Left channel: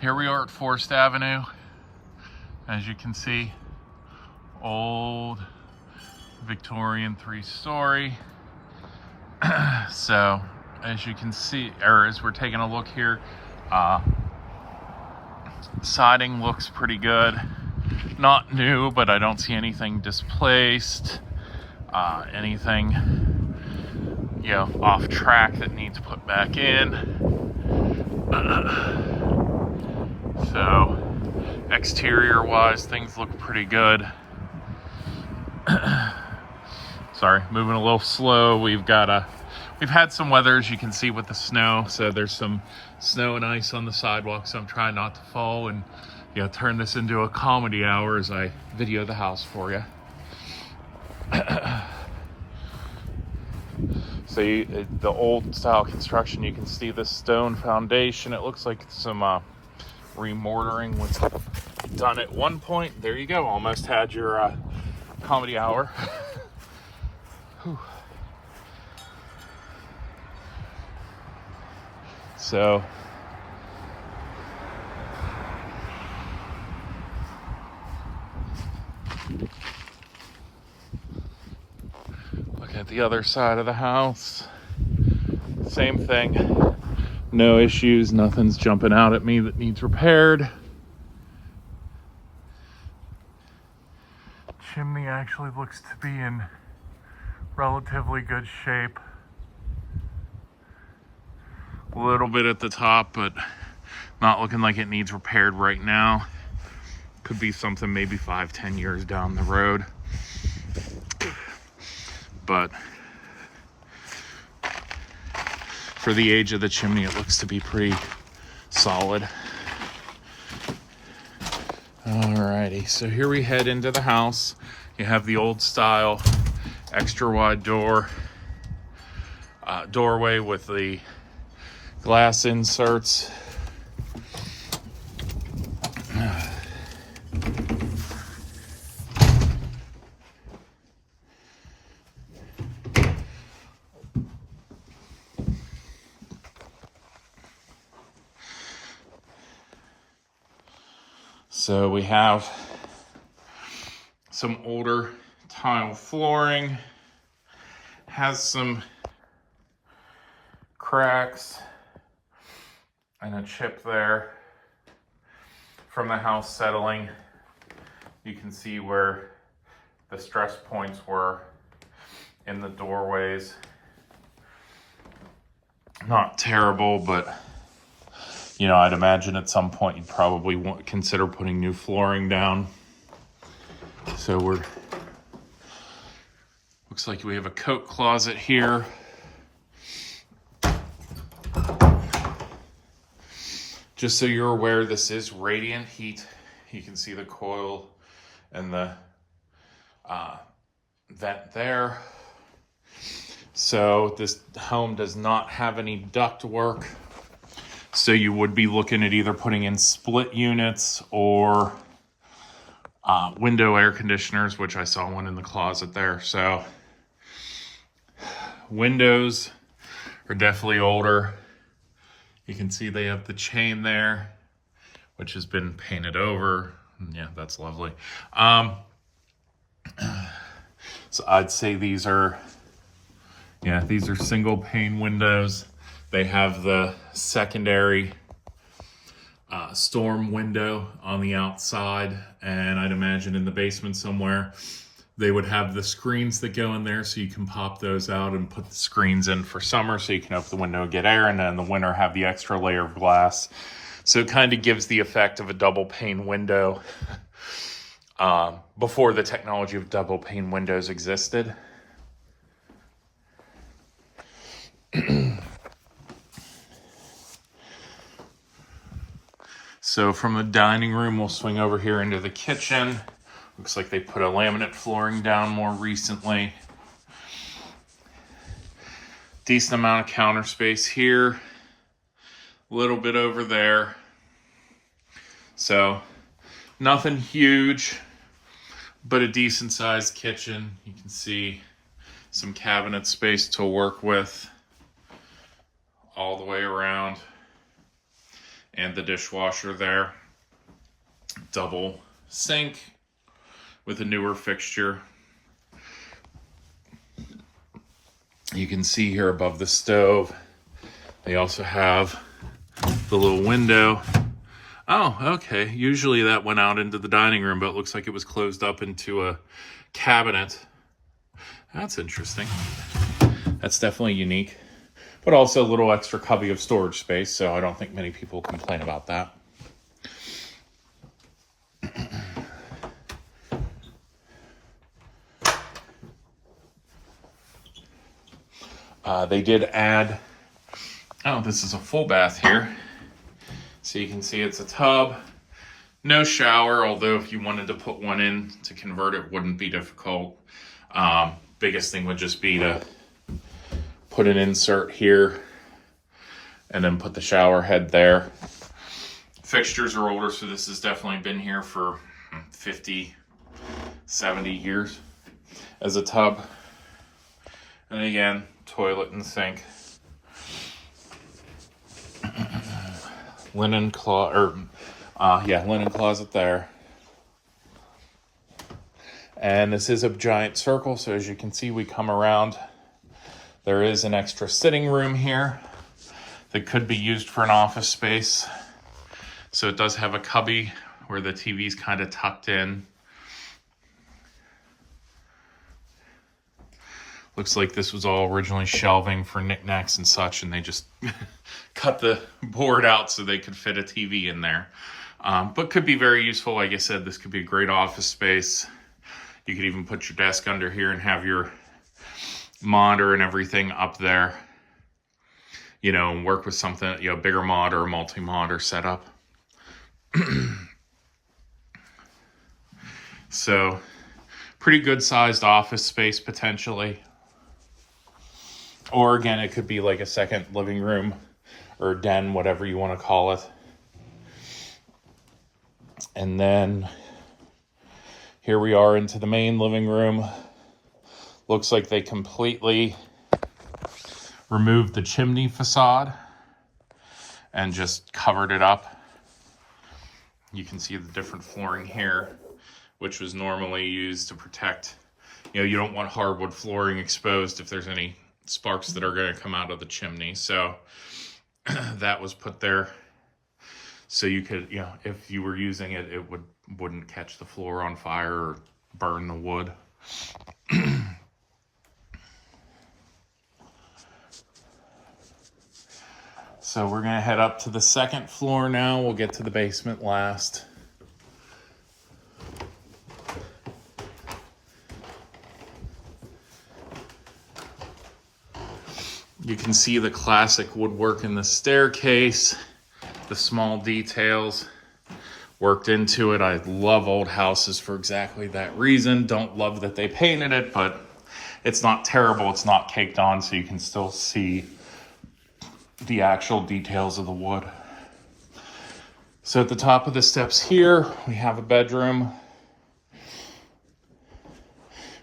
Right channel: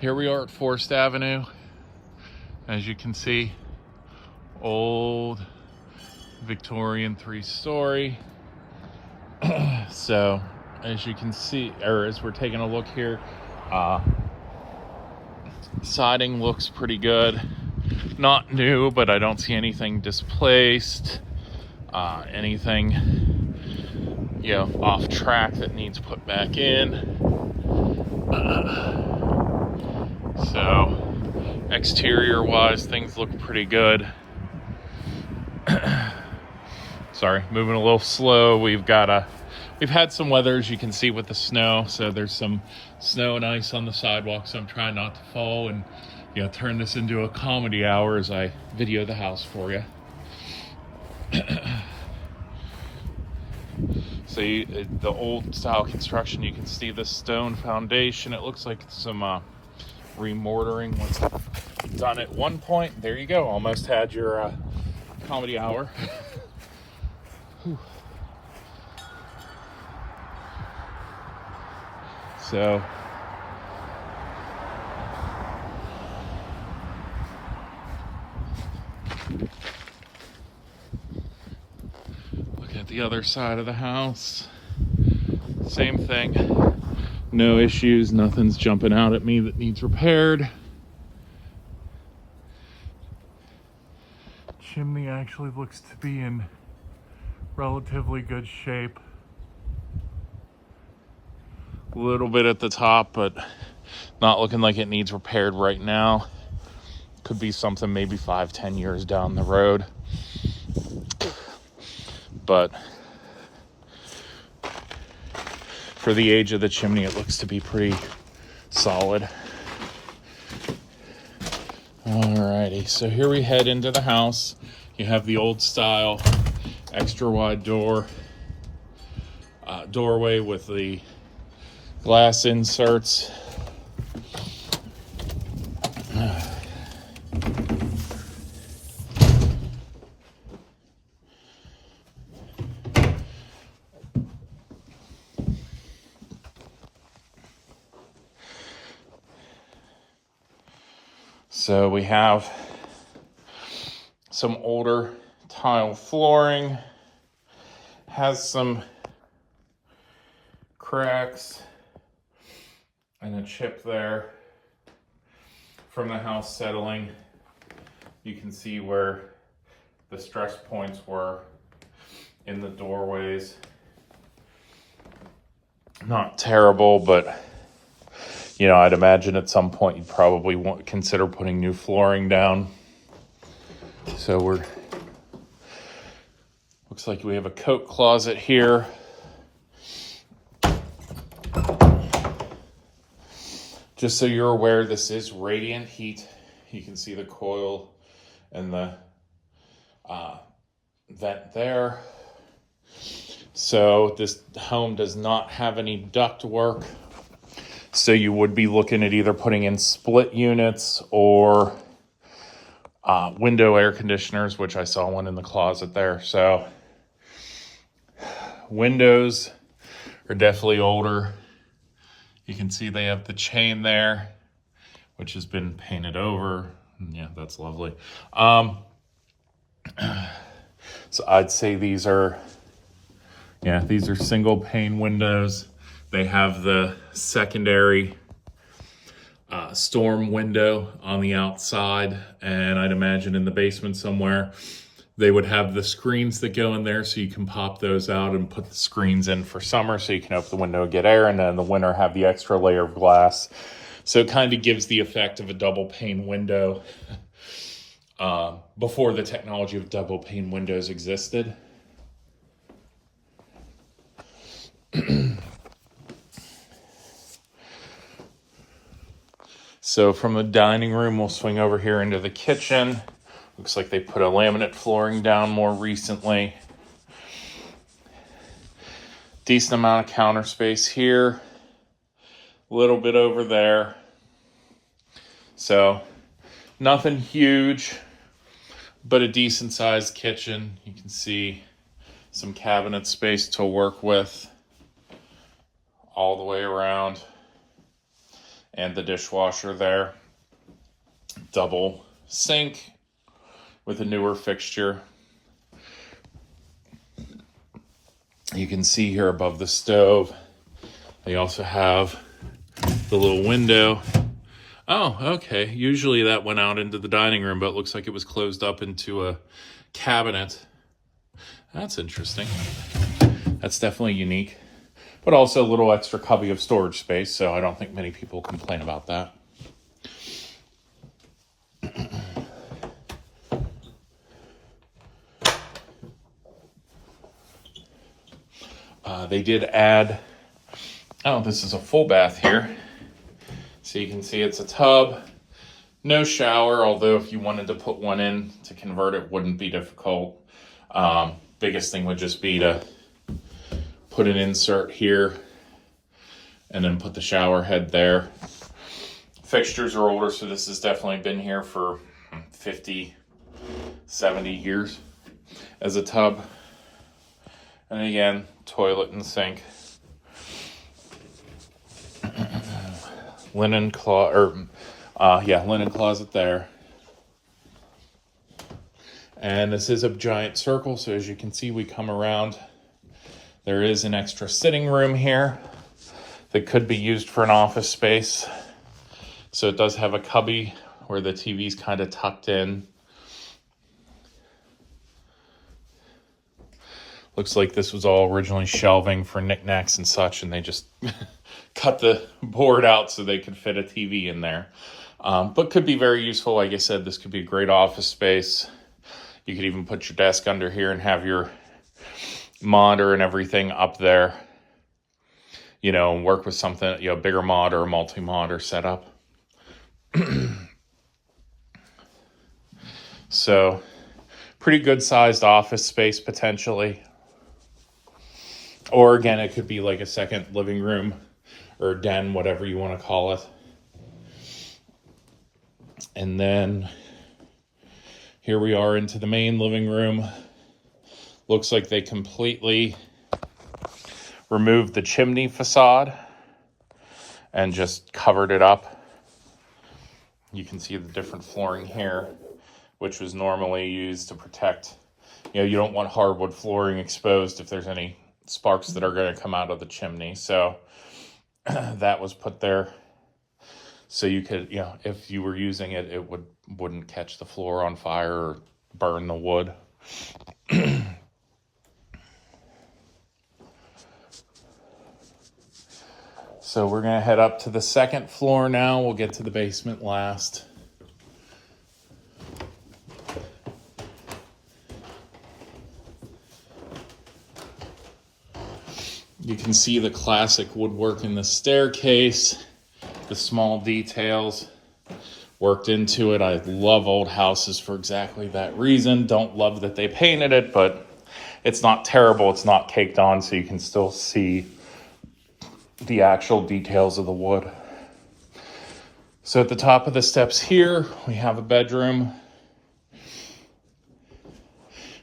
Here we are at Forest Avenue. As you can see, old Victorian 3-story. So as you can see, or as we're taking a look here, siding looks pretty good. Not new, but I don't see anything displaced, anything off track that needs put back in. So exterior wise, things look pretty good. Sorry, moving a little slow. We've had some weather, as you can see, with the snow. So there's some snow and ice on the sidewalk, so I'm trying not to fall and turn this into a comedy hour as I video the house for you. So the old style construction, you can see the stone foundation. It looks like some remortaring was done at one point. There you go, almost had your comedy hour. So look at the other side of the house. Same thing. No issues, nothing's jumping out at me that needs repaired. Chimney actually looks to be in relatively good shape. A little bit at the top, but not looking like it needs repaired right now. Could be something maybe 5-10 years down the road. But for the age of the chimney, it looks to be pretty solid. Alrighty, so here we head into the house. You have the old style extra wide doorway with the glass inserts. So we have some older tile flooring, has some cracks and a chip there from the house settling. You can see where the stress points were in the doorways. Not terrible, but I'd imagine at some point you'd probably consider putting new flooring down. So looks like we have a coat closet here. Just so you're aware, this is radiant heat. You can see the coil and the vent there. So this home does not have any duct work. So you would be looking at either putting in split units or window air conditioners, which I saw one in the closet there. So windows are definitely older. You can see they have the chain there, which has been painted over. Yeah, that's lovely. So I'd say these are single pane windows. They have the secondary storm window on the outside, and I'd imagine in the basement somewhere they would have the screens that go in there, so you can pop those out and put the screens in for summer so you can open the window and get air, and then in the winter have the extra layer of glass. So it kind of gives the effect of a double pane window before the technology of double pane windows existed. So from the dining room, we'll swing over here into the kitchen. Looks like they put a laminate flooring down more recently. Decent amount of counter space here. A little bit over there. So nothing huge, but a decent sized kitchen. You can see some cabinet space to work with all the way around. and the dishwasher there. Double sink with a newer fixture. You can see here above the stove, they also have the little window. Oh, okay. Usually that went out into the dining room, but it looks like it was closed up into a cabinet. That's interesting. That's definitely unique. But also a little extra cubby of storage space, so I don't think many people complain about that. They did add, oh, this is a full bath here. So you can see it's a tub, no shower, although if you wanted to put one in to convert it, wouldn't be difficult. Biggest thing would just be to put an insert here and then put the shower head there. Fixtures are older, so this has definitely been here for 50, 70 years as a tub. And again, toilet and sink. Linen closet there. And this is a giant circle, so as you can see, we come around. There is an extra sitting room here that could be used for an office space. So it does have a cubby where the TV's kind of tucked in. Looks like this was all originally shelving for knickknacks and such, and they just cut the board out so they could fit a TV in there. But could be very useful. Like I said, this could be a great office space. You could even put your desk under here and have your monitor and everything up there. You know, work with something, you know, bigger mod or a multi-mod or setup. So, pretty good sized office space potentially. Or again, it could be like a second living room or den, whatever you want to call it. And then here we are into the main living room. Looks like they completely removed the chimney facade and just covered it up. You can see the different flooring here, which was normally used to protect, you know, you don't want hardwood flooring exposed if there's any sparks that are going to come out of the chimney. So that was put there so you could, yeah, if you were using it, it wouldn't catch the floor on fire or burn the wood. So we're going to head up to the second floor now. We'll get to the basement last. You can see the classic woodwork in the staircase, the small details worked into it. I love old houses for exactly that reason. Don't love that they painted it, but it's not terrible. It's not caked on, so you can still see the actual details of the wood. So at the top of the steps here, we have a bedroom.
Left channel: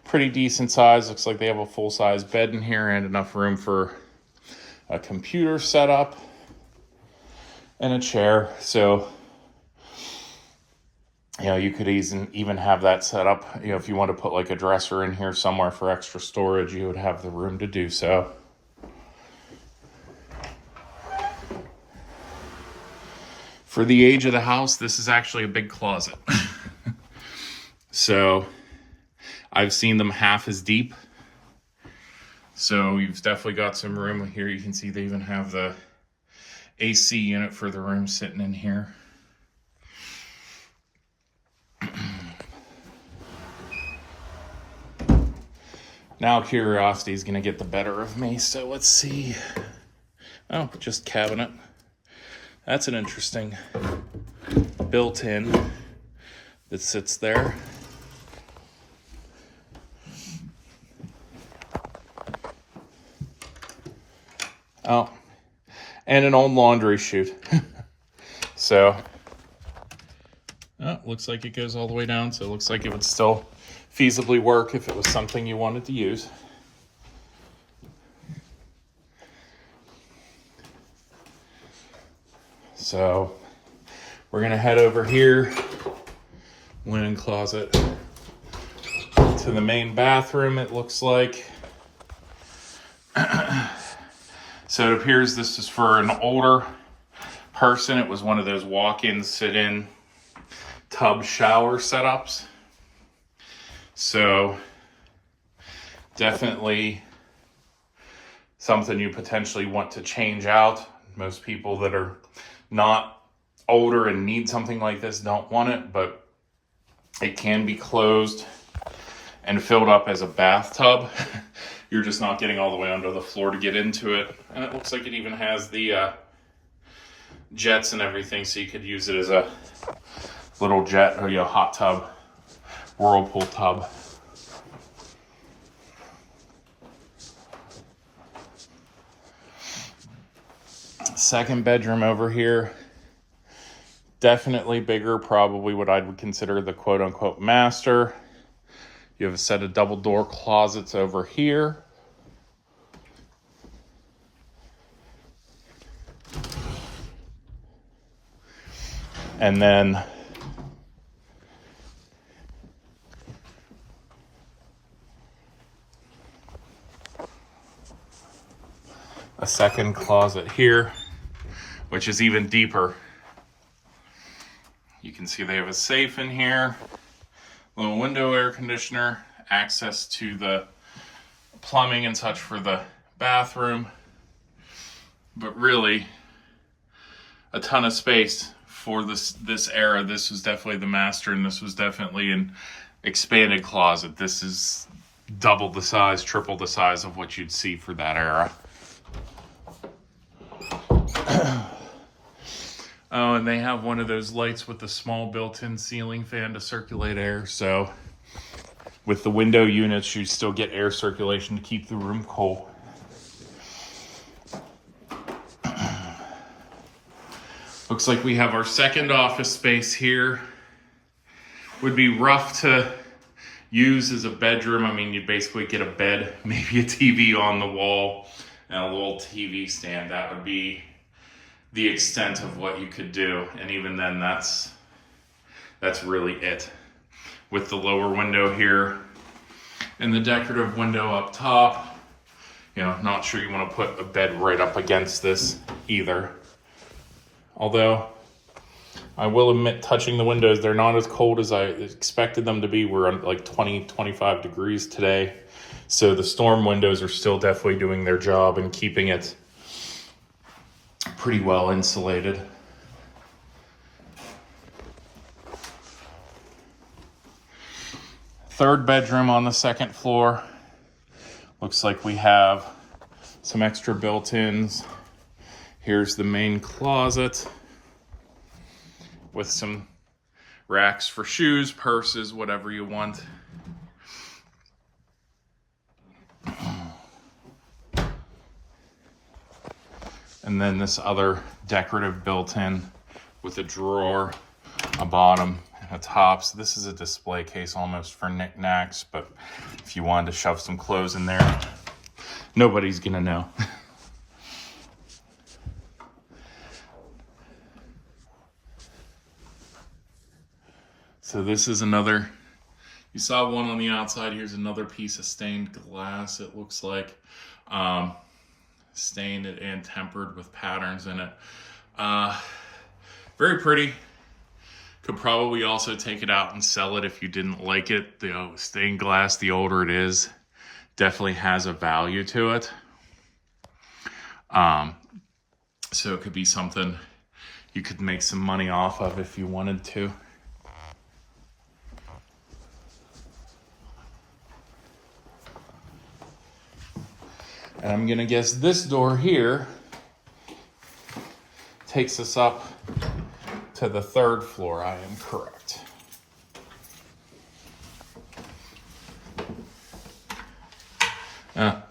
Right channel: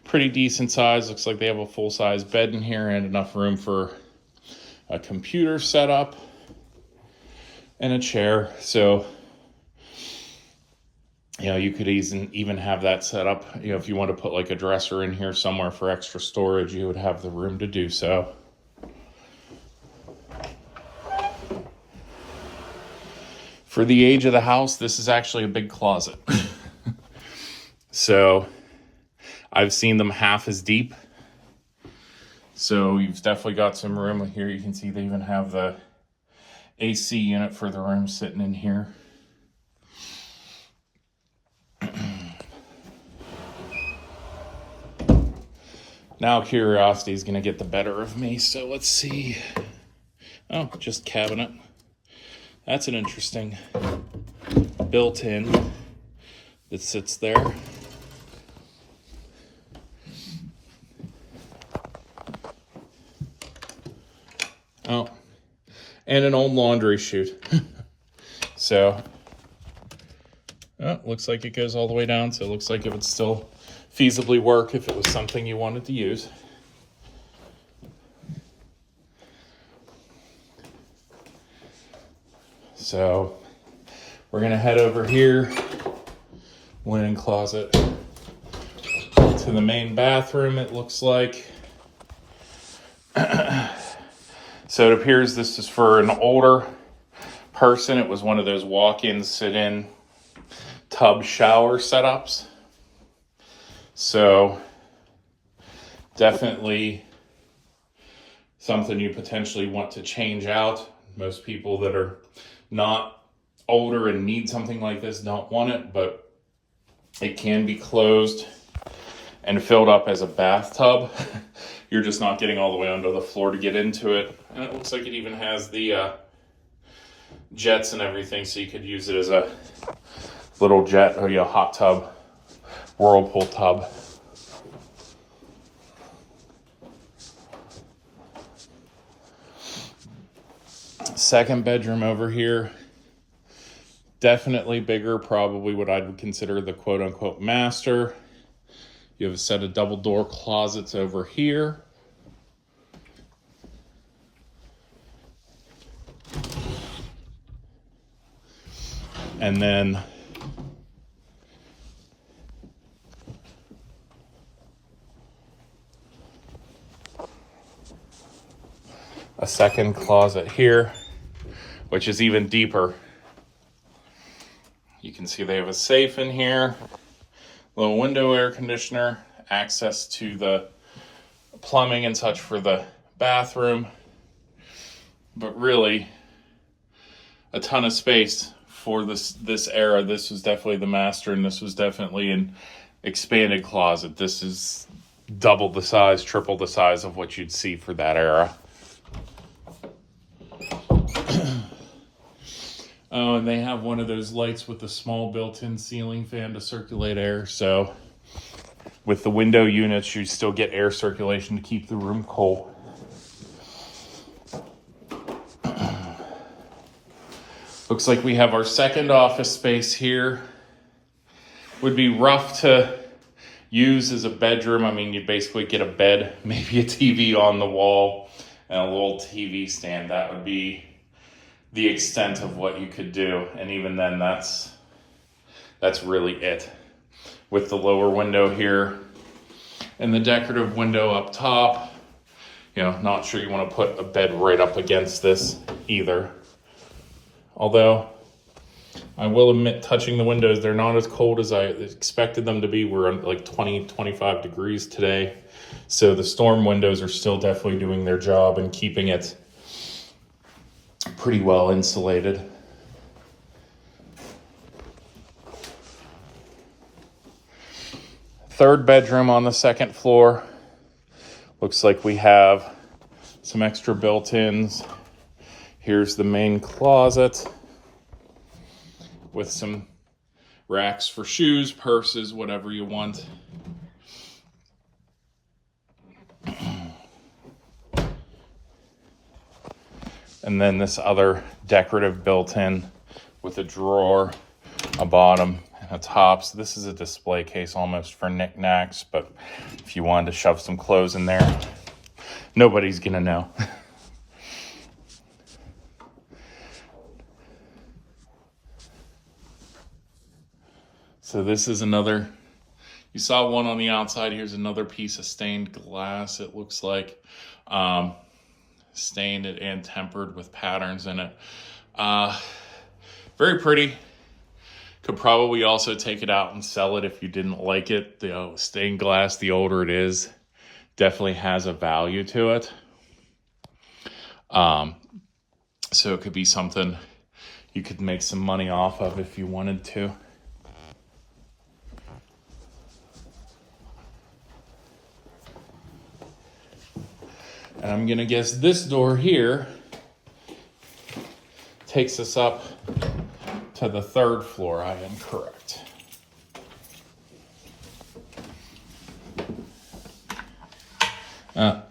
Pretty decent size. Looks like they have a full-size bed in here and enough room for a computer setup and a chair. So, you know, you could even have that set up. You know, if you want to put like a dresser in here somewhere for extra storage, you would have the room to do so. For the age of the house, this is actually a big closet. So I've seen them half as deep. So you've definitely got some room here. You can see they even have the AC unit for the room sitting in here. Now curiosity is going to get the better of me. So let's see. Oh, just cabinet. That's an interesting built-in that sits there. Oh, and an old laundry chute. So, oh, looks like it goes all the way down. So it looks like it would still feasibly work if it was something you wanted to use. So we're gonna head over here, linen closet, to the main bathroom, it looks like. So it appears this is for an older person. It was one of those walk-in, sit-in tub shower setups. So definitely something you potentially want to change out. Most people that are not older and need something like this don't want it, but it can be closed and filled up as a bathtub. You're just not getting all the way under the floor to get into it. And it looks like it even has the jets and everything, so you could use it as a little jet or hot tub, whirlpool tub. Second bedroom over here, definitely bigger, probably what I would consider the quote-unquote master. You have a set of double door closets over here. And then a second closet here, which is even deeper. You can see they have a safe in here, little window air conditioner, access to the plumbing and such for the bathroom, but really a ton of space for this era. This was definitely the master, and this was definitely an expanded closet. This is double the size, triple the size of what you'd see for that era. Oh, and they have one of those lights with the small built-in ceiling fan to circulate air. So with the window units, you still get air circulation to keep the room cool. Looks like we have our second office space here. Would be rough to use as a bedroom. I mean, you basically get a bed, maybe a TV on the wall, and a little TV stand. That would be the extent of what you could do. And even then, that's really it. With the lower window here and the decorative window up top, not sure you want to put a bed right up against this either. Although I will admit, touching the windows, they're not as cold as I expected them to be. We're like 20, 25 degrees today. So the storm windows are still definitely doing their job and keeping it pretty well insulated. Third bedroom on the second floor. Looks like we have some extra built-ins. Here's the main closet with some racks for shoes, purses, whatever you want. And then this other decorative built-in with a drawer, a bottom, and a top. So this is a display case almost for knickknacks, but if you wanted to shove some clothes in there, nobody's gonna know. So this is another, you saw one on the outside. Here's another piece of stained glass, it looks like. Stained and tempered with patterns in it. Very pretty. Could probably also take it out and sell it if you didn't like it. The stained glass, the older it is, definitely has a value to it. So it could be something you could make some money off of if you wanted to. And I'm gonna guess this door here takes us up to the third floor. I am correct.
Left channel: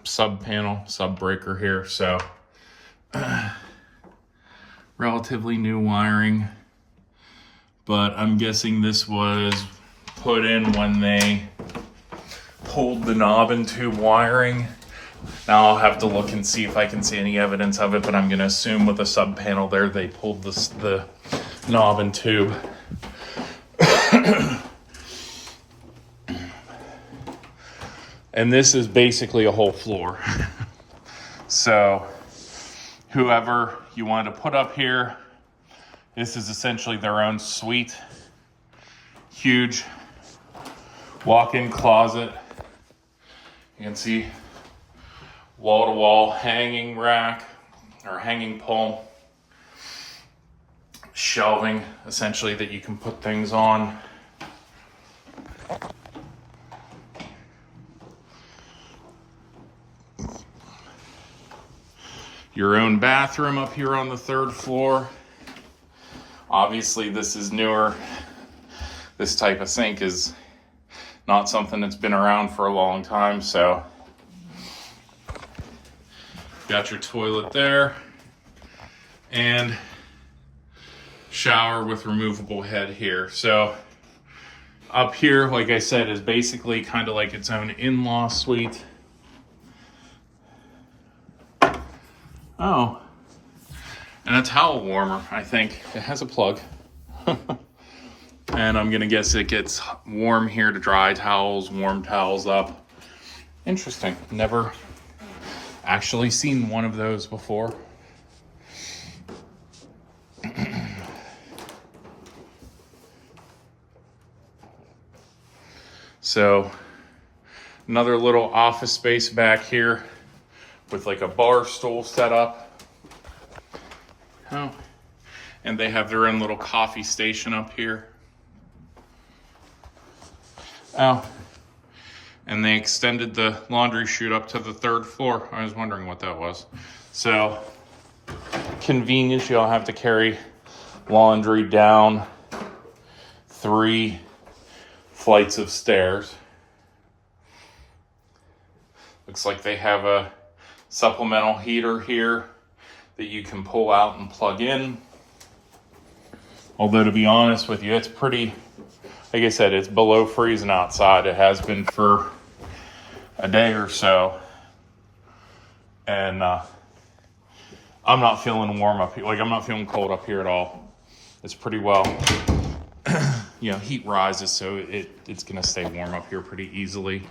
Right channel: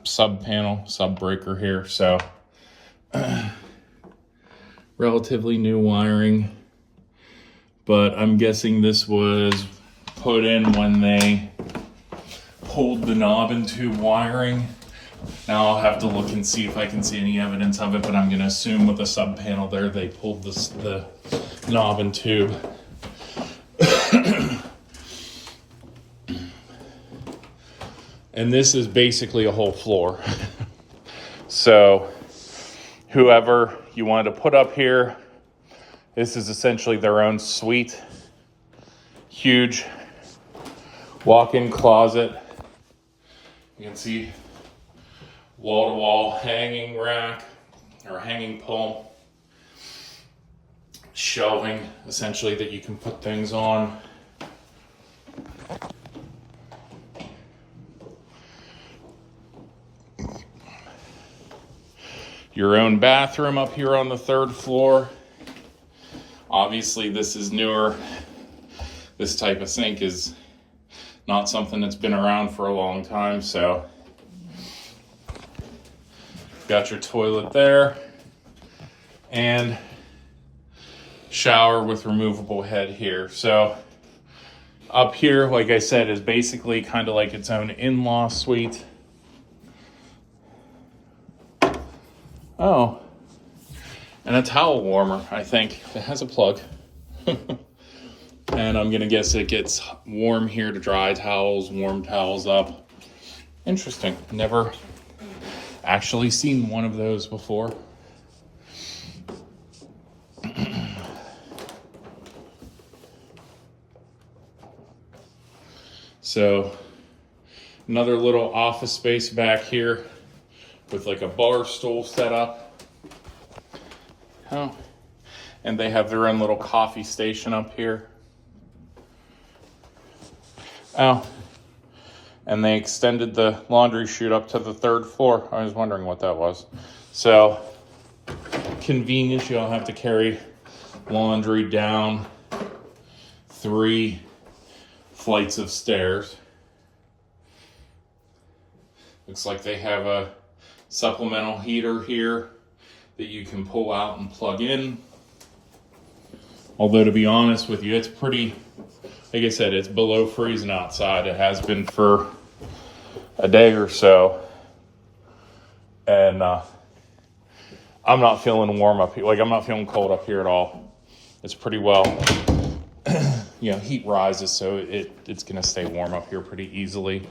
Sub panel, sub breaker here. So relatively new wiring, but I'm guessing this was put in when they pulled the knob and tube wiring Now I'll have to look and see if I can see any evidence of it, but I'm going to assume with the sub panel there, they pulled the knob and tube. And this is basically a whole floor. So whoever you wanted to put up here, this is essentially their own suite. Huge walk-in closet. You can see wall-to-wall hanging rack or hanging pole. Shelving, essentially, that you can put things on. Your own bathroom up here on the 3rd floor. Obviously, this is newer. This type of sink is not something that's been around for a long time, so got your toilet there and shower with removable head here. So up here, like I said, is basically kind of like its own in-law suite. Oh, and a towel warmer, I think. It has a plug. And I'm gonna guess it gets warm here to dry towels, warm towels up. Interesting. Never actually seen one of those before. So another little office space back here with like a bar stool set up. Oh, and they have their own little coffee station up here. Oh, and they extended the laundry chute up to the 3rd floor. I was wondering what that was. So convenience, you'll have to carry laundry down 3 flights of stairs. Looks like they have a supplemental heater here that you can pull out and plug in. Although, to be honest with you, it's pretty, like I said, it's below freezing outside. It has been for a day or so. And I'm not feeling warm up here. Like, I'm not feeling cold up here at all. It's pretty well, you know, heat rises, so it's going to stay warm up here pretty easily.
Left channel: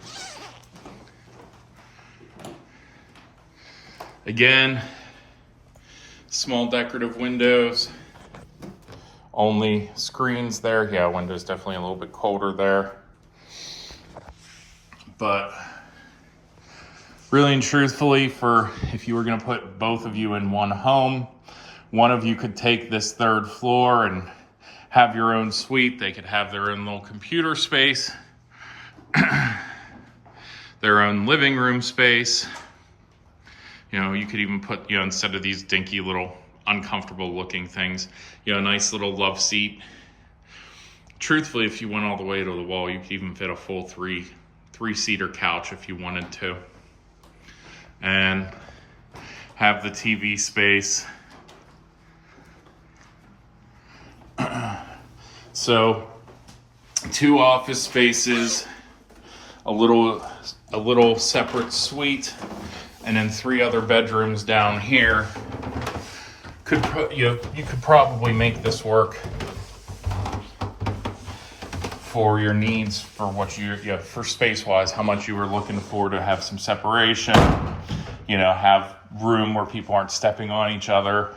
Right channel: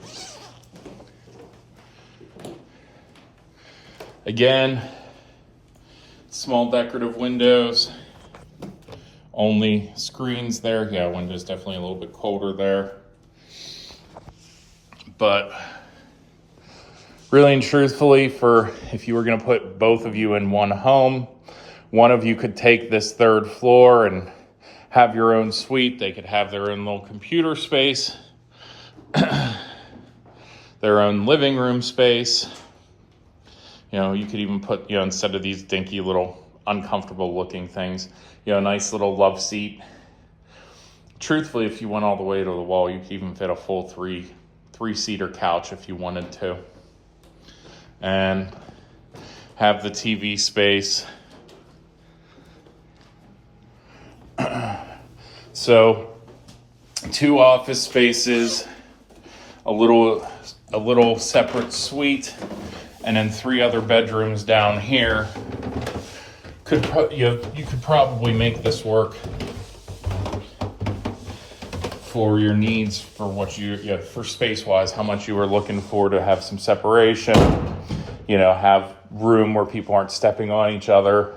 Again, small decorative windows, only screens there. Yeah, windows definitely a little bit colder there. But really and truthfully, for if you were going to put both of you in one home, one of you could take this 3rd floor and have your own suite. They could have their own little computer space, their own living room space. You know, you could even put, you know, instead of these dinky little uncomfortable looking things, you know, a nice little love seat. Truthfully, if you went all the way to the wall, you could even fit a full three-seater couch if you wanted to. And have the TV space. So 2 office spaces, a little separate suite, and then 3 other bedrooms down here. You could probably make this work for your needs, for what for space-wise, how much you were looking for to have some separation, you know, have room where people aren't stepping on each other.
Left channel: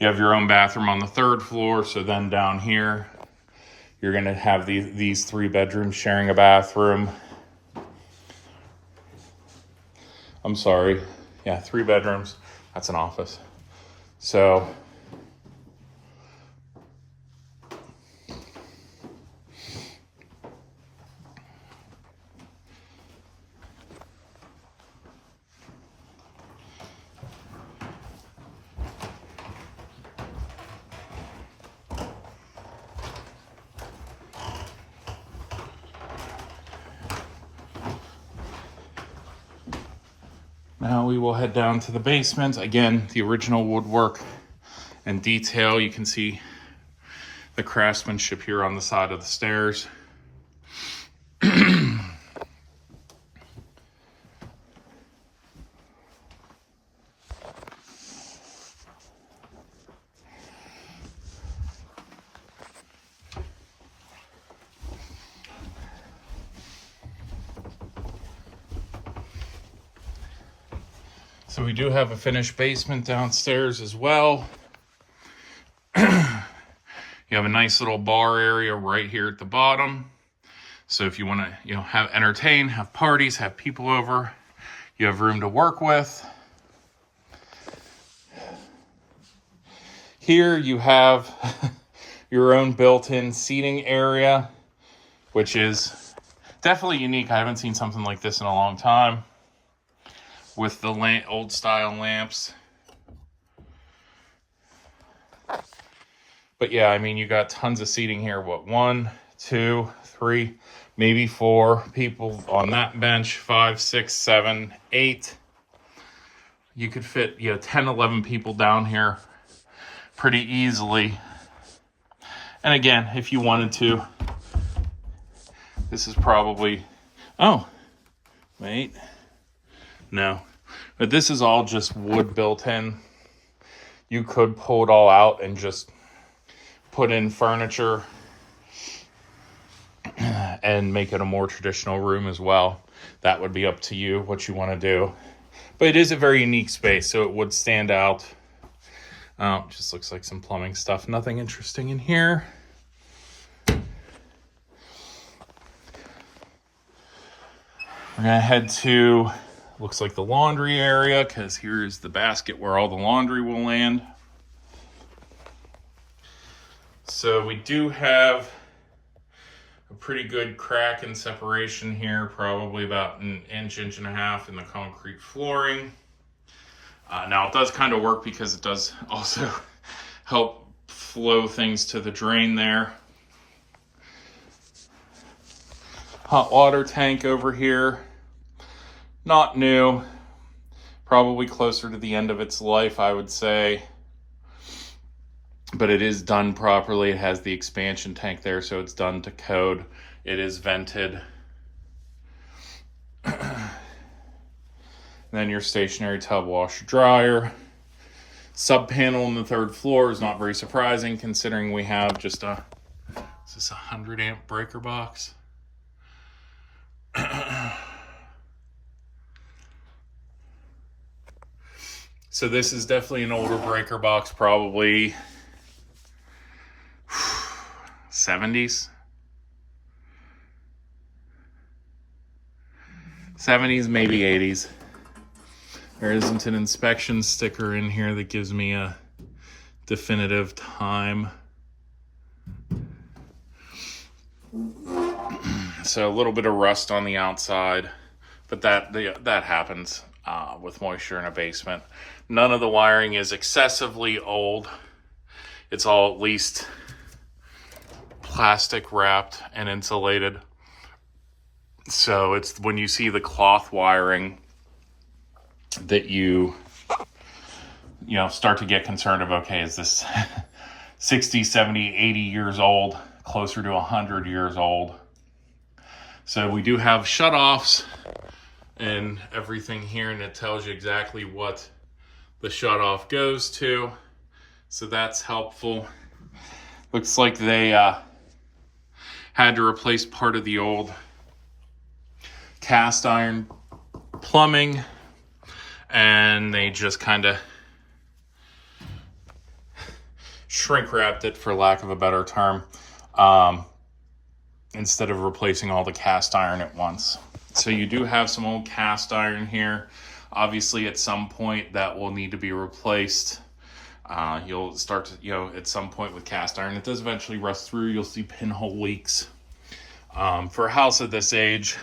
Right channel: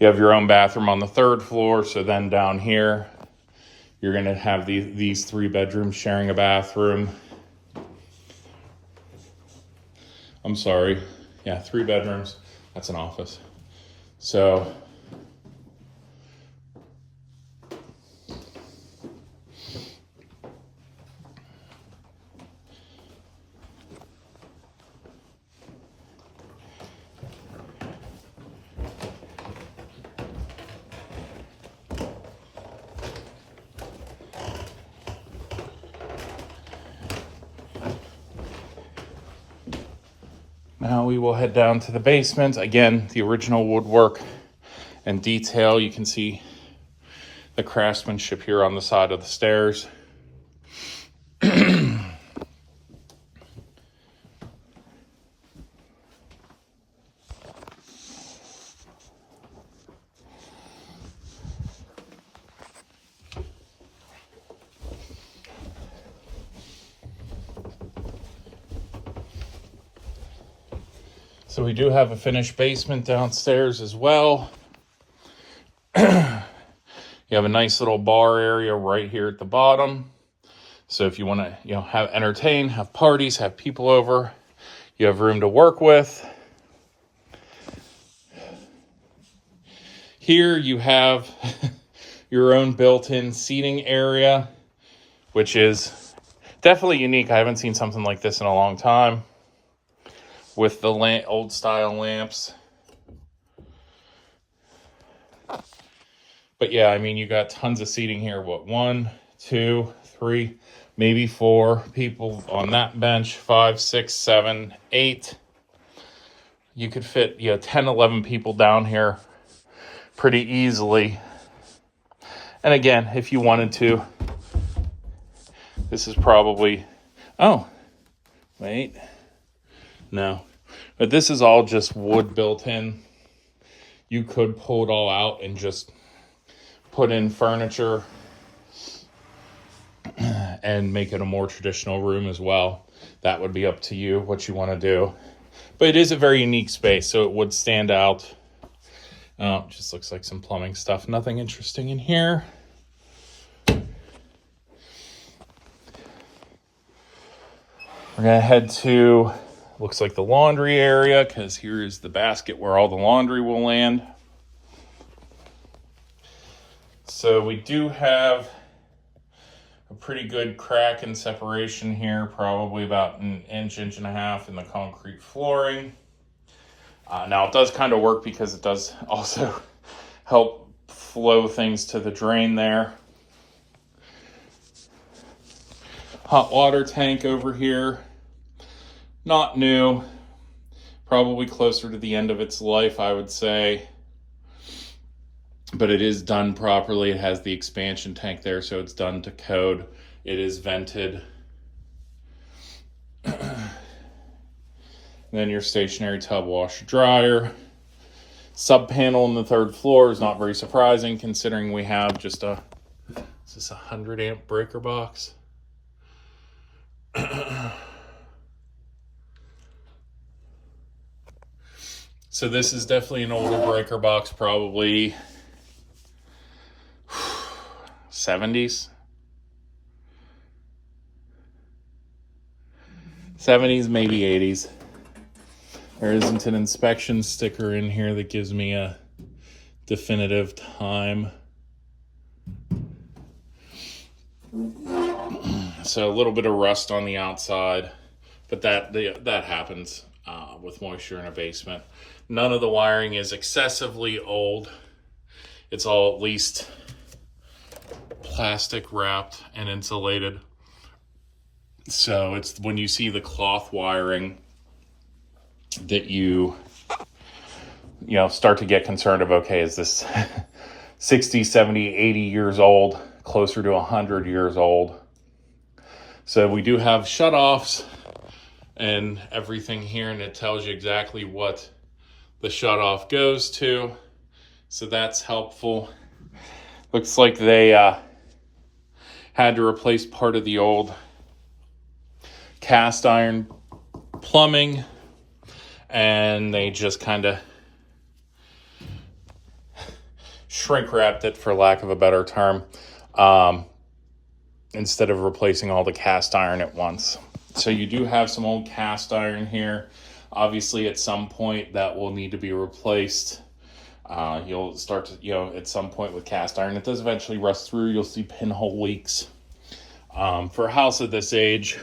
You have your own bathroom on the 3rd floor, so then down here, you're gonna have these 3 bedrooms sharing a bathroom. I'm sorry, yeah, 3 bedrooms, that's an office. So, now we will head down to the basement. Again, the original woodwork and detail. You can see the craftsmanship here on the side of the stairs. So we do have a finished basement downstairs as well. You have a nice little bar area right here at the bottom. So if you want to, have entertain, have parties, have people over, you have room to work with. Here you have your own built-in seating area, which is definitely unique. I haven't seen something like this in a long time, with the old style lamps. But yeah, I mean, you got tons of seating here. What, 1, 2, 3, maybe 4 people on that bench, 5, 6, 7, 8. You could fit 10, 11 people down here pretty easily. And again, if you wanted to, this is probably, oh, wait, no. But this is all just wood built in. You could pull it all out and just put in furniture and make it a more traditional room as well. That would be up to you, what you want to do. But it is a very unique space, so it would stand out. Just looks like some plumbing stuff. Nothing interesting in here. We're going to head to, looks like the laundry area, because here is the basket where all the laundry will land. So we do have a pretty good crack and separation here, probably about an inch and a half in the concrete flooring. Now it does kind of work because it does also help flow things to the drain there. Hot water tank over here, not new, probably closer to the end of its life, I would say. But it is done properly. It has the expansion tank there, so it's done to code. It is vented. Then your stationary tub, washer, dryer. Sub panel on the 3rd floor is not very surprising considering we have just is this a 100 amp breaker box? So this is definitely an older breaker box, probably 70s, maybe 80s. There isn't an inspection sticker in here that gives me a definitive time. So a little bit of rust on the outside, but that happens with moisture in a basement. None of the wiring is excessively old. It's all at least plastic wrapped and insulated. So it's when you see the cloth wiring that you start to get concerned of, okay, is this 60, 70, 80 years old, closer to 100 years old? So we do have shutoffs and everything here, and it tells you exactly what the shutoff goes to. So that's helpful. Looks like they had to replace part of the old cast iron plumbing, and they just kind of shrink wrapped it, for lack of a better term, instead of replacing all the cast iron at once. So you do have some old cast iron here. Obviously at some point that will need to be replaced. You'll start to, at some point with cast iron, it does eventually rust through. You'll see pinhole leaks. For a house of this age,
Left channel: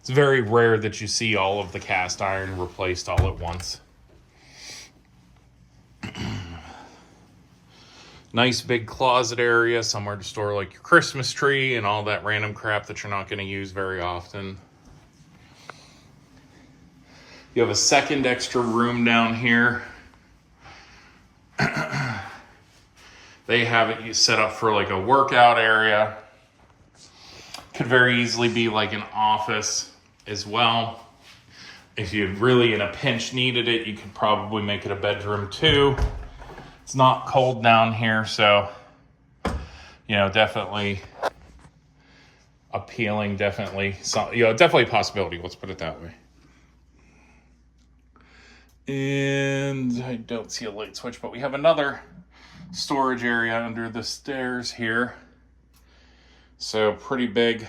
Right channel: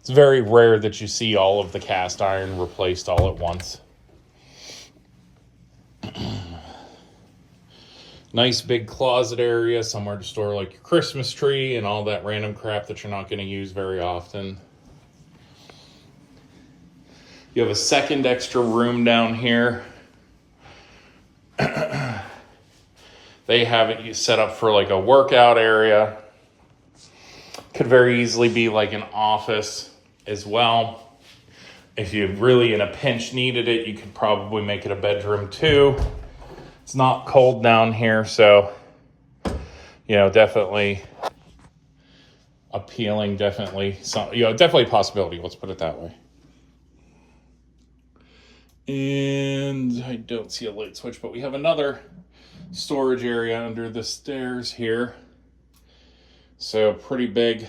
it's very rare that you see all of the cast iron replaced all at once. Nice big closet area, somewhere to store like your Christmas tree and all that random crap that you're not going to use very often. You have a second extra room down here. They have it set up for like a workout area. Could very easily be like an office as well. If you really in a pinch needed it, you could probably make it a bedroom too. It's not cold down here, so definitely appealing, definitely a possibility, let's put it that way. And I don't see a light switch, but we have another storage area under the stairs here. So pretty big.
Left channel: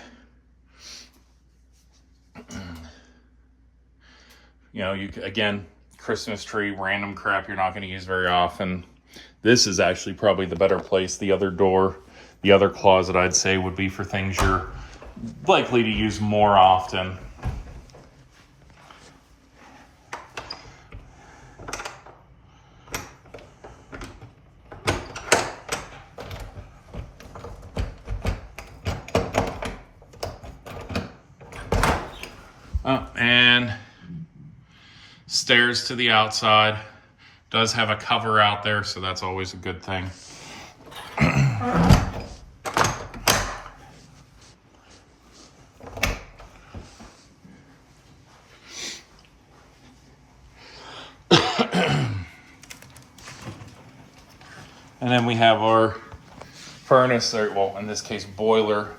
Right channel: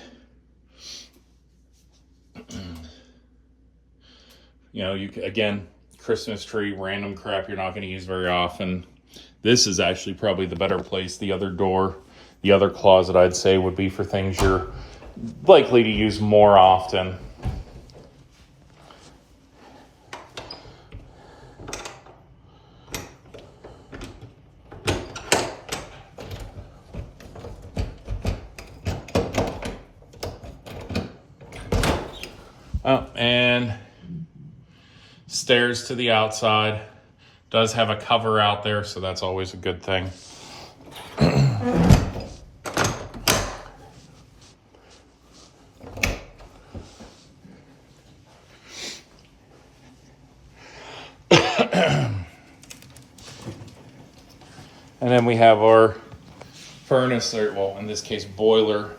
You know, you again, Christmas tree, random crap you're not going to use very often. This is actually probably the better place. The other door, the other closet, I'd say, would be for things you're likely to use more often. Oh, and stairs to the outside. Does have a cover out there, so that's always a good thing. And then we have our furnace, or, well, in this case, boiler.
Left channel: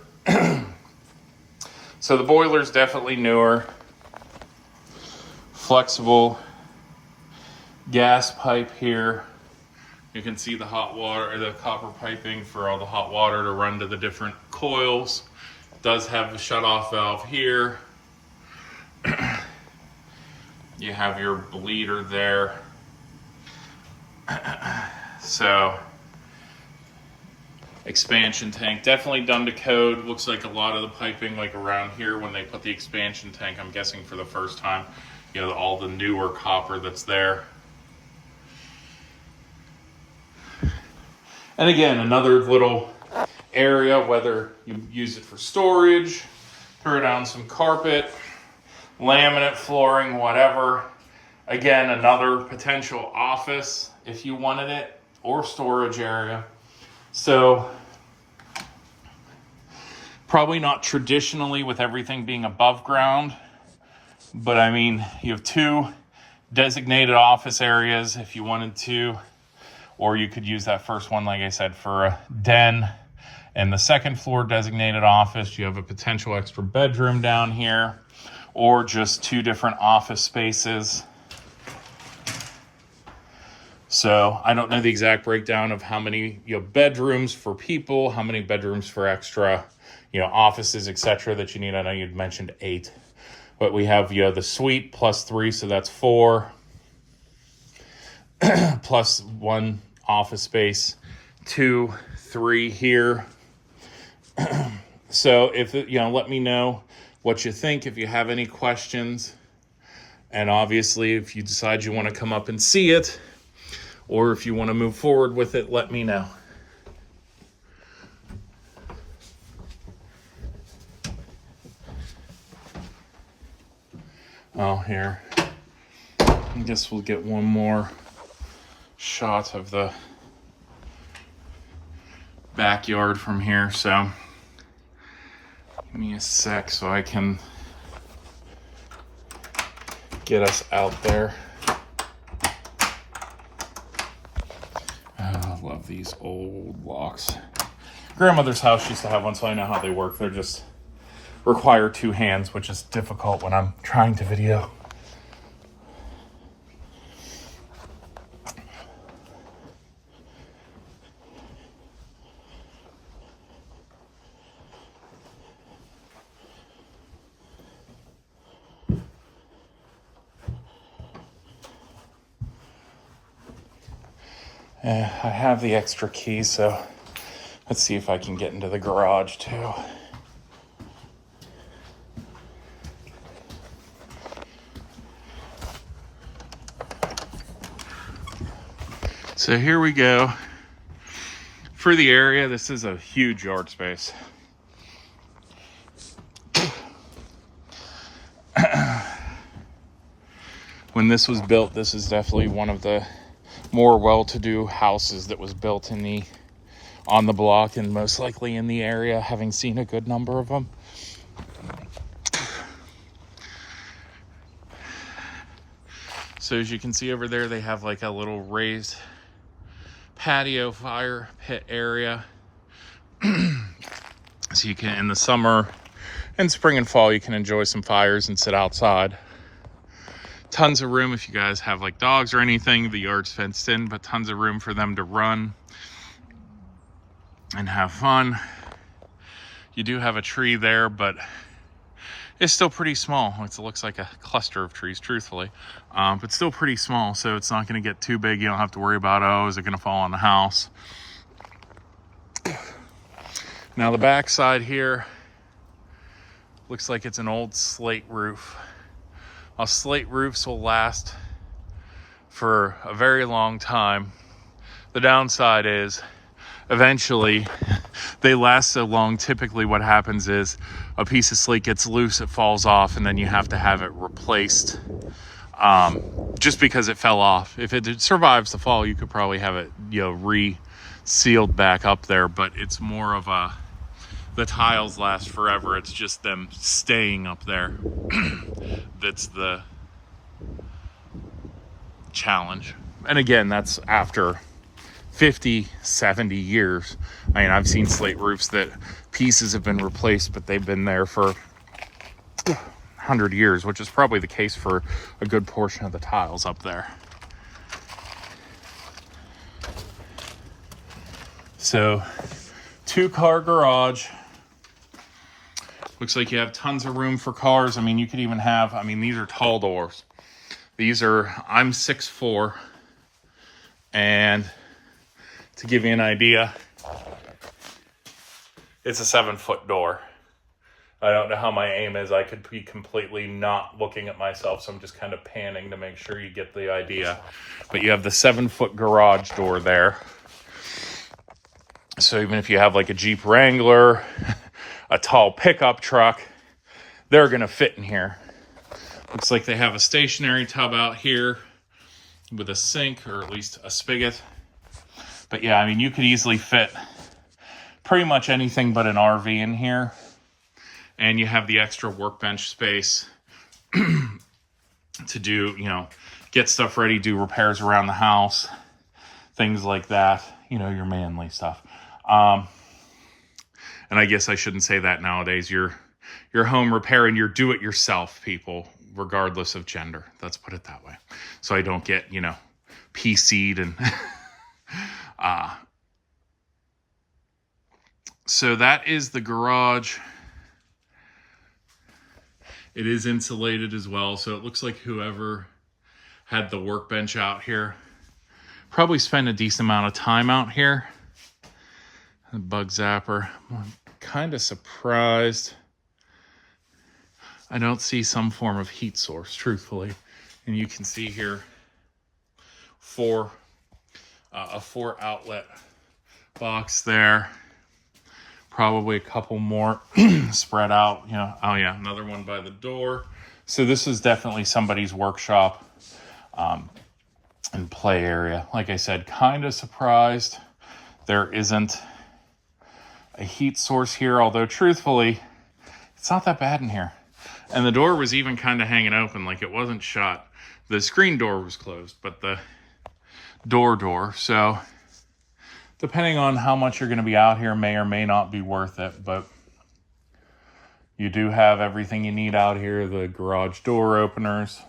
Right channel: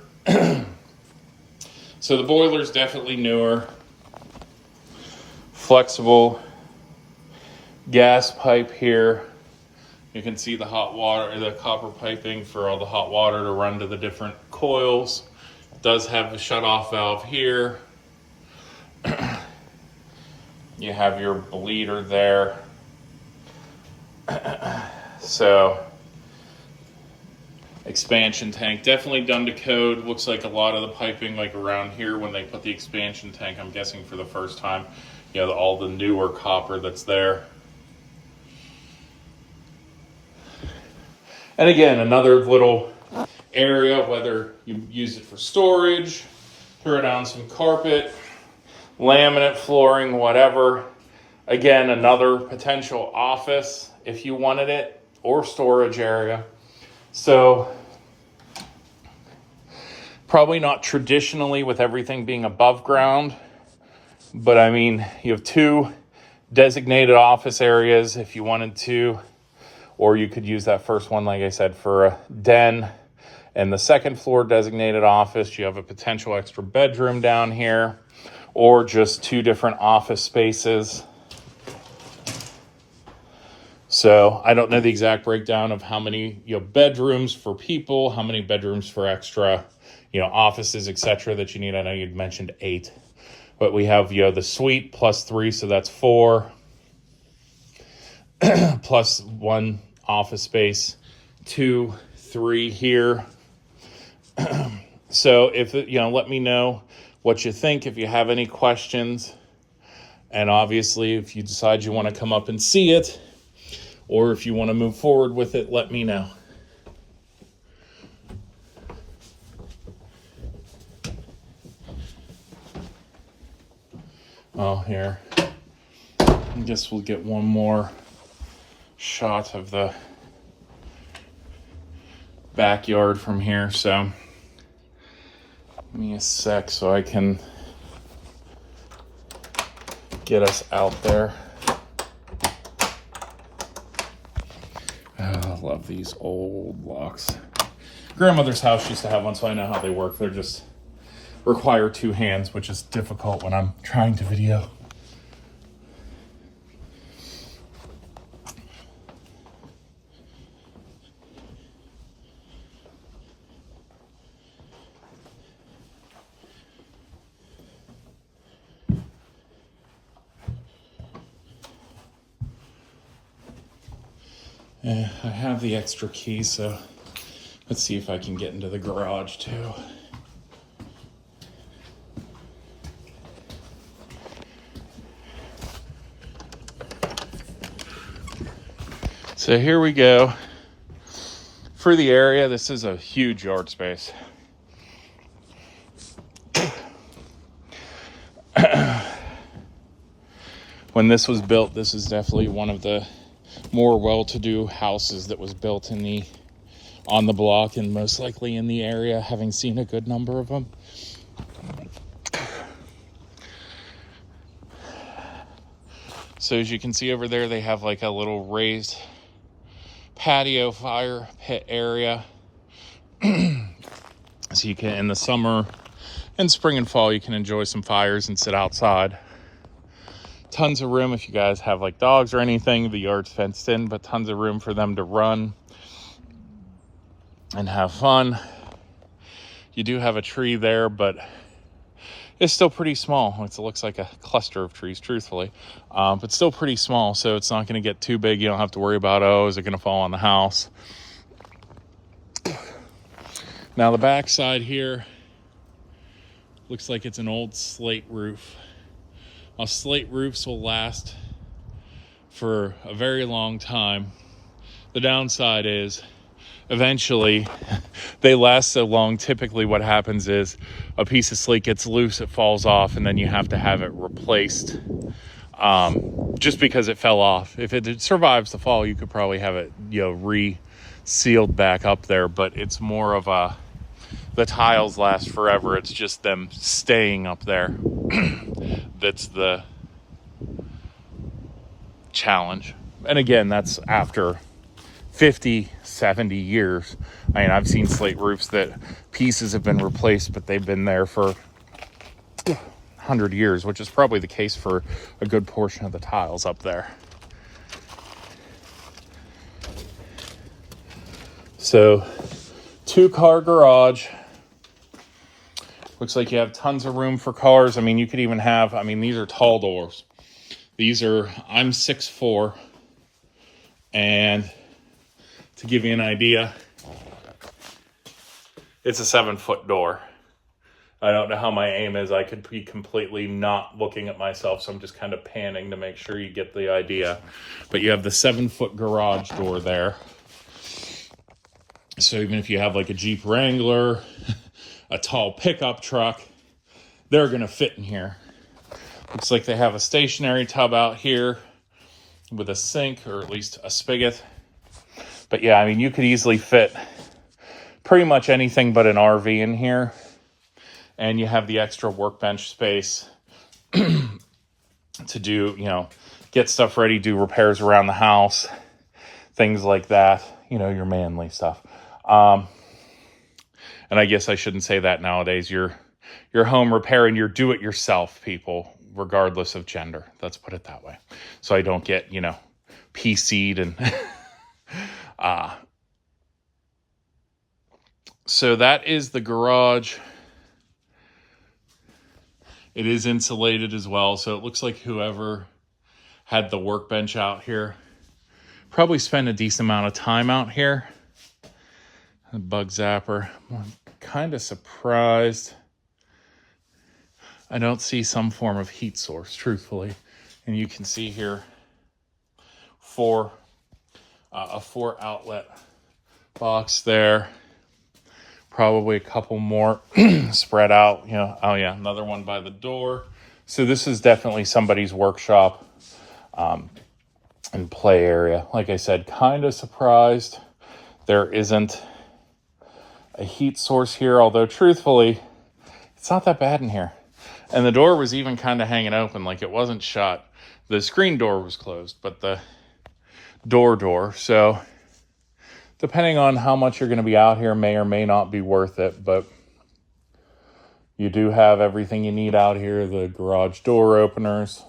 So the boiler's definitely newer. Flexible gas pipe here. You can see the hot water, or the copper piping for all the hot water to run to the different coils. It does have a shut-off valve here. You have your bleeder there. So, expansion tank, definitely done to code. Looks like a lot of the piping, like around here, when they put the expansion tank, I'm guessing for the first time, you know, all the newer copper that's there. And again, another little area, whether you use it for storage, throw down some carpet, laminate flooring, whatever. Again, another potential office if you wanted it, or storage area. So probably not traditionally with everything being above ground, but I mean, you have two designated office areas if you wanted to, or you could use that first one, like I said, for a den. And the second floor designated office, you have a potential extra bedroom down here, or just two different office spaces. So I don't know the exact breakdown of how many, you know, bedrooms for people, how many bedrooms for extra, you know, offices, etc. that you need. I know you'd mentioned 8, but we have, you know, the suite plus 3, so that's 4, plus 1 office space, 2, 3 here. So if, you know, let me know what you think, if you have any questions. And obviously, if you decide you want to come up and see it, or if you want to move forward with it, let me know. Oh, here. I guess we'll get one more shot of the backyard from here. So give me a sec so I can get us out there. Oh, I love these old locks. Grandmother's house used to have one, so I know how they work. They're just require 2 hands, which is difficult when I'm trying to video. I have the extra key, so let's see if I can get into the garage too. So here we go. For the area, this is a huge yard space. When this was built, this is definitely one of the more well-to-do houses that was built on the block, and most likely in the area, having seen a good number of them. So as you can see over there, they have like a little raised patio fire pit area. So you can, in the summer and spring and fall, you can enjoy some fires and sit outside. Tons of room if you guys have like dogs or anything. The yard's fenced in, but tons of room for them to run and have fun. You do have a tree there, but it's still pretty small. It looks like a cluster of trees, truthfully, but still pretty small, so it's not going to get too big. You don't have to worry about, oh, is it going to fall on the house? Now the back side here looks like it's an old slate roof. Slate roofs will last for a very long time. The downside is eventually they last so long. Typically what happens is a piece of slate gets loose, it falls off, and then you have to have it replaced just because it fell off. If it survives the fall, you could probably have it, you know, re-sealed back up there, but it's more of a, the tiles last forever. It's just them staying up there that's the challenge. And again, that's after 50, 70 years. I mean, I've seen slate roofs that pieces have been replaced, but they've been there for 100 years, which is probably the case for a good portion of the tiles up there. So, 2-car garage. Looks like you have tons of room for cars. I mean, you could even have, I mean, these are tall doors. These are, I'm 6'4", and to give you an idea, it's a 7-foot door. I don't know how my aim is. I could be completely not looking at myself, so I'm just kind of panning to make sure you get the idea. But you have the 7-foot garage door there. So even if you have like a Jeep Wrangler, a tall pickup truck, they're gonna fit in here. Looks like they have a stationary tub out here with a sink, or at least a spigot. But yeah, I mean, you could easily fit pretty much anything but an RV in here. And you have the extra workbench space to do, you know, get stuff ready, do repairs around the house, things like that, you know, your manly stuff. And I guess I shouldn't say that nowadays. Your home repair and your do-it-yourself people, regardless of gender. Let's put it that way. So I don't get, you know, PC'd and... So that is the garage. It is insulated as well. So it looks like whoever had the workbench out here probably spent a decent amount of time out here. The bug zapper. I'm kind of surprised I don't see some form of heat source, truthfully. And you can see here a 4 outlet box there. Probably a couple more spread out, you know. Oh yeah, another one by the door. So this is definitely somebody's workshop and play area. Like I said, kind of surprised there isn't a heat source here, although truthfully, it's not that bad in here. And the door was even kind of hanging open, like it wasn't shut. The screen door was closed, but the door. So depending on how much you're going to be out here, may or may not be worth it, but you do have everything you need out here. The garage door openers.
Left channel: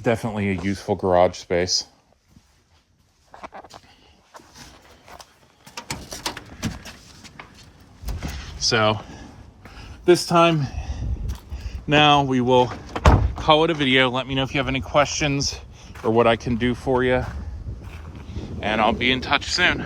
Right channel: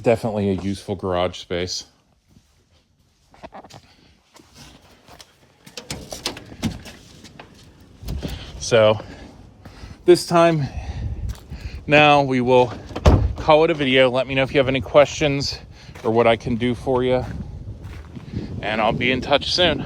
Definitely a useful garage space. So this time, now we will call it a video. Let me know if you have any questions or what I can do for you. And I'll be in touch soon.